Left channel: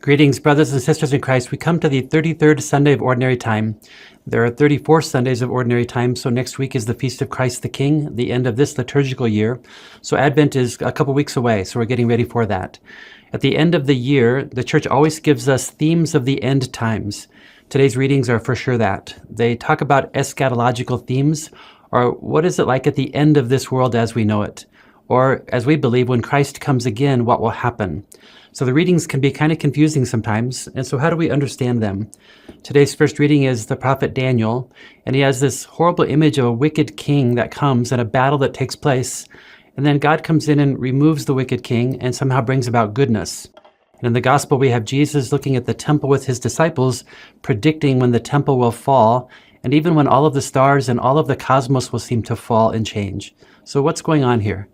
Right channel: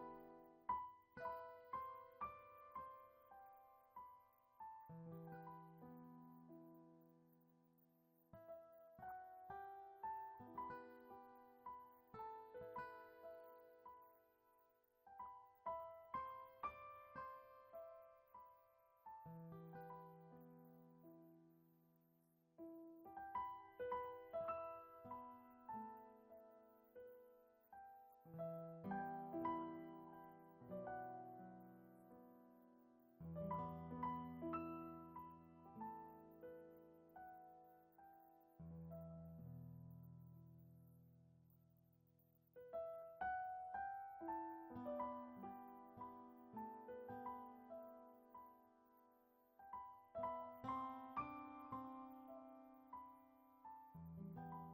Greetings, brothers and sisters in Christ. We come to the 33rd Sunday of Ordinary Time. There are 34 Sundays of Ordinary Time, so next week is the Feast of Christ the King, the end of this liturgical year. So Advent is a couple weeks away, so we're getting ready for that. At the end of the year, the Church always gives us themes of the end times. Today's readings are for sure that. They talk about eschatological themes, or what is it like at the end of this world as we know it? Or, as we believe, when Christ comes again, what will happen? So the readings can be kind of confusing sometimes, and so how do we understand them? Today's first reading is the prophet Daniel, and he has this horrible image of a wicked king that comes and a battle that takes place, and then God comes in and removes the wicked king and somehow brings about goodness. And in the gospel we have Jesus looking at the temple with his disciples, predicting when the temple will fall, and even when all of the stars and all of the cosmos will seem to fall and change. So what's going on here?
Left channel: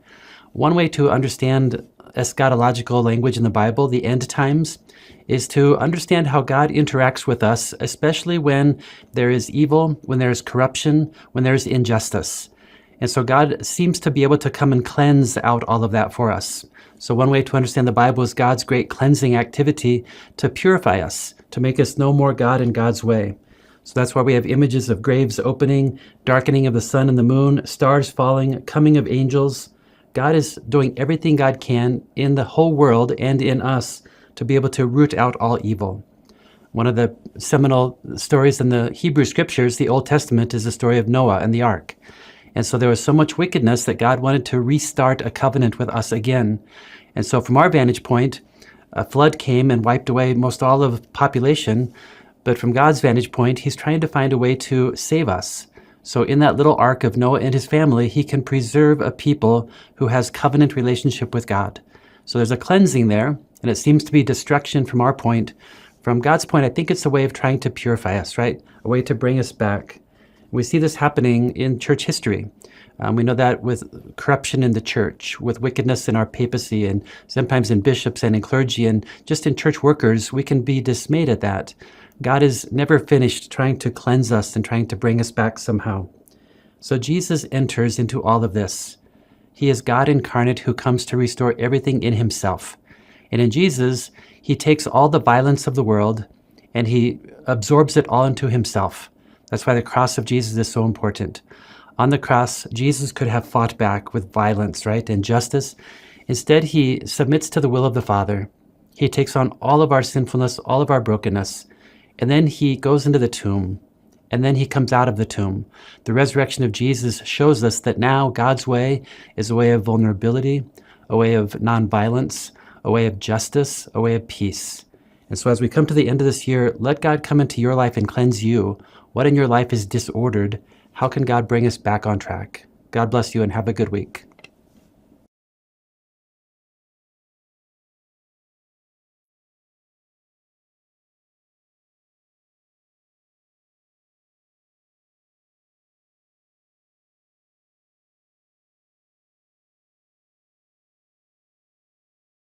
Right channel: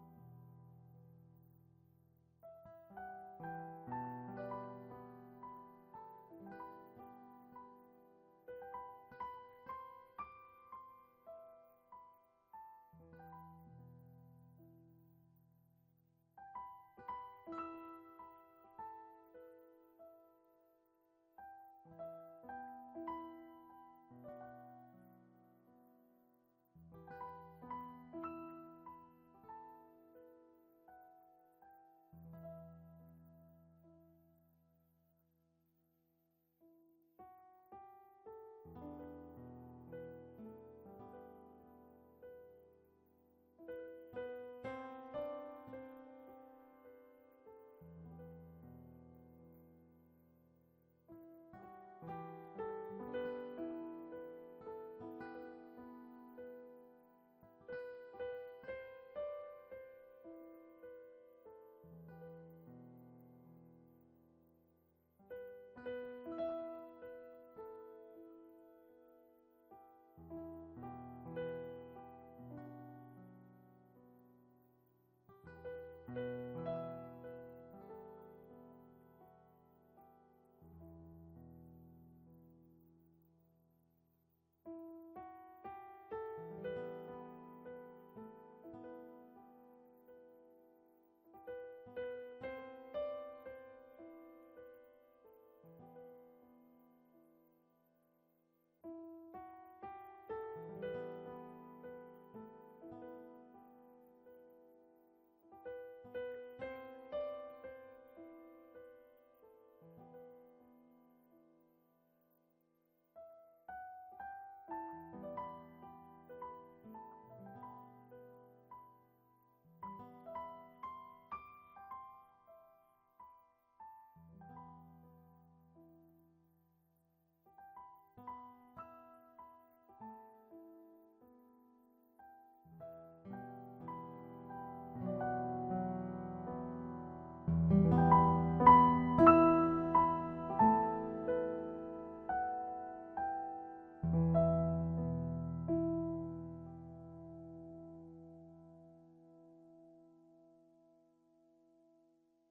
One way to understand eschatological language in the Bible, the end times, is to understand how God interacts with us, especially when there is evil, when there is corruption, when there is injustice. And so God seems to be able to come and cleanse out all of that for us. So one way to understand the Bible is God's great cleansing activity to purify us, to make us know more God in God's way. So that's why we have images of graves opening, darkening of the sun and the moon, stars falling, coming of angels. God is doing everything God can in the whole world and in us to be able to root out all evil. One of the seminal stories in the Hebrew Scriptures, the Old Testament, is the story of Noah and the ark. And so there was so much wickedness that God wanted to restart a covenant with us again. And so from our vantage point, a flood came and wiped away most all of the population. But from God's vantage point, he's trying to find a way to save us. So in that little ark of Noah and his family, he can preserve a people who has covenant relationship with God. So there's a cleansing there, and it seems to be destruction from our point. From God's point, I think it's a way of trying to purify us, right? A way to bring us back. We see this happening in church history. We know that with corruption in the church, with wickedness in our papacy, and sometimes in bishops and in clergy, and just in church workers, we can be dismayed at that. God is never finished trying to cleanse us and trying to bring us back somehow. So Jesus enters into all of this. He is God incarnate who comes to restore everything in himself. And in Jesus, he takes all the violence of the world and he absorbs it all into himself. That's why the cross of Jesus is so important. On the cross, Jesus could have fought back with violence, right, and justice. Instead, he submits to the will of the Father. He takes on all of our sinfulness, all of our brokenness, and then he goes into the tomb, and then he comes out of the tomb. The resurrection of Jesus shows us that now God's way is a way of vulnerability, a way of nonviolence, a way of justice, a way of peace. And so as we come to the end of this year, let God come into your life and cleanse you. What in your life is disordered? How can God bring us back on track? God bless you and have a good week.